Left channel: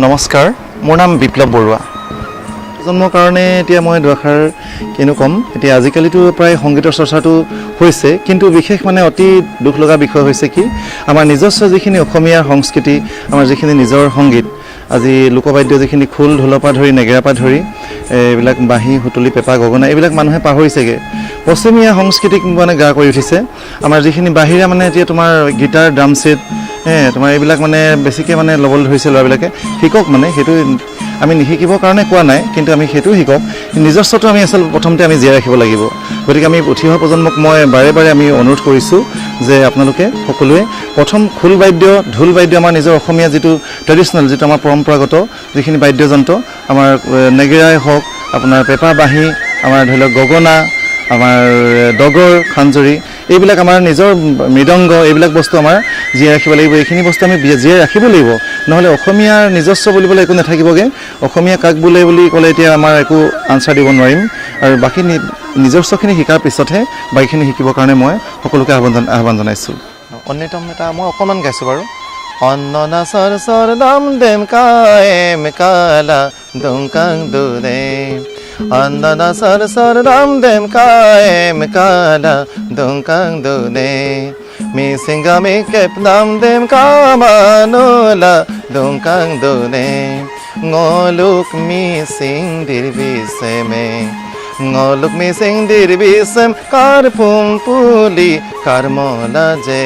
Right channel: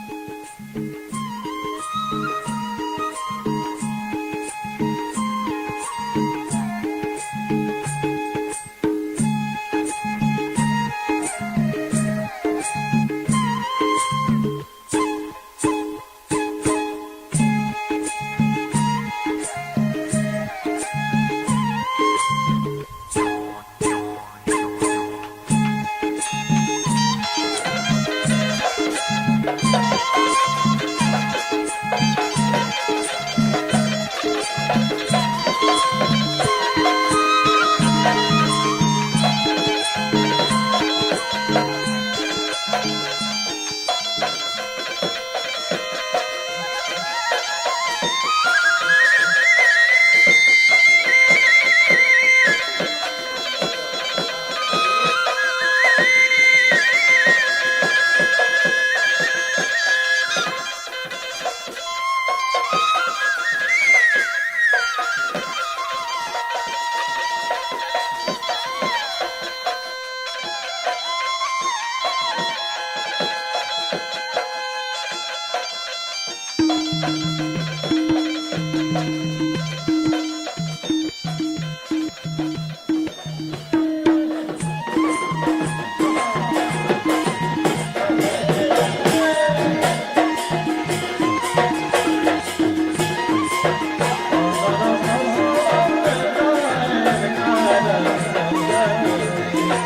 নমস্কাৰ মোৰ নাম বিপ্লৱ বৰুৱা জন্মৰ কাৰণে এতিয়া মই দুআষাৰ কিনো কম এতিয়া আজিকালিতো প্ৰায় সংগীতৰ চৰ্চাটো হৈছে কিন্তু বিশেষ মানে অতি দুখ লগা বিষয় হৈছে কি আমাৰ নিজস্ব যিখিনি অসমীয়া সংস্কৃতি আমাৰ যিখিনি নিজৰ সংগীত আজি লোকবাদ্য যিখিনি খোল ঢোলপা ধৰি নেগেৰাপা ধৰি এইবিলাক বাঁহী হুতুলি পেঁপা গগনা এইবিলাক মানুহে পাহৰিছেগে পশ্চিমীয়া সংস্কৃতিক মানে গা কৰি উঠিছে আমাৰ যিখিনি বাহিৰা মানে এতিয়া তোমাৰ গিটাৰ ড্ৰাম সেট তোমাৰ এইবিলাক মানে বেছিকৈ মানে ল'বলৈ ধৰিছে ল'ৰাবিলাকে শিকক মানে সেইটো আমি নিশিকিবৰ কাৰণে কোৱা নাই কিন্তু আমি সেইটো শিকক নিজস্বটো আমি আচল প্ৰথমতে আমি জীয়াই ৰাখিব লাগিব গতিকে আমি উঠি অহা প্ৰজন্মক মই বাৰে বাৰে আমি অনুৰোধ কৰিছোঁ যে আপোনালোকে সকলোৱে প্ৰথম খোল বাদ্য ঢোল বাদ্য আমাৰ নিজৰ অসমীয়া যিটো ট্ৰেডিশ্যনেল যিটো আমাৰ পৰম্পৰাগত যিখিনি বাদ্যযন্ত্ৰ আমাৰ নেগেৰাই হওক আপোনাৰ পেঁপা বাঁহী আমাৰ ধৰি লওক গগনা আমাৰ ডগৰ খাঞ্জৰি এইবিলাক আমাৰ নিজৰ মৃদংগ এইবিলাক বস্তু আমাৰ জীয়াই ৰাখিব লাগিব এইখিনি বস্তু আমি জীয়াই ৰাখিব লাগিব নহ'লে অসমীয়াৰ নিজস্ব বুলিবলৈ একো নাথাকিবগৈ অসমীয়া কাক বোলে বুলি ক'লে এতিয়া আমাৰ একো আনচাৰ দিব নোৱাৰিম আৰু বাকী নিজস্বখিনি শিকাৰ পিছতহে বাকীখিনি শিকিবৰ কাৰণে মই সকলোকে আহ্বান জনাইছোঁ অন্যতম এটা মই অকণমান গাইছোঁ বাৰু অন্ননা চৰ চৰ দাম দেম কায়েম কালা দুংকাং দুৰে অন্ননা চৰ চৰ দাম দেম কায়েম কালা দুংকাং দুৰে মি সিংগামি কেপলাম them কামানোলা দুংকাং দুৰে ngoluk mi sing dir biseme ngoluk mi sing dir bisem kar pum puli kar mola je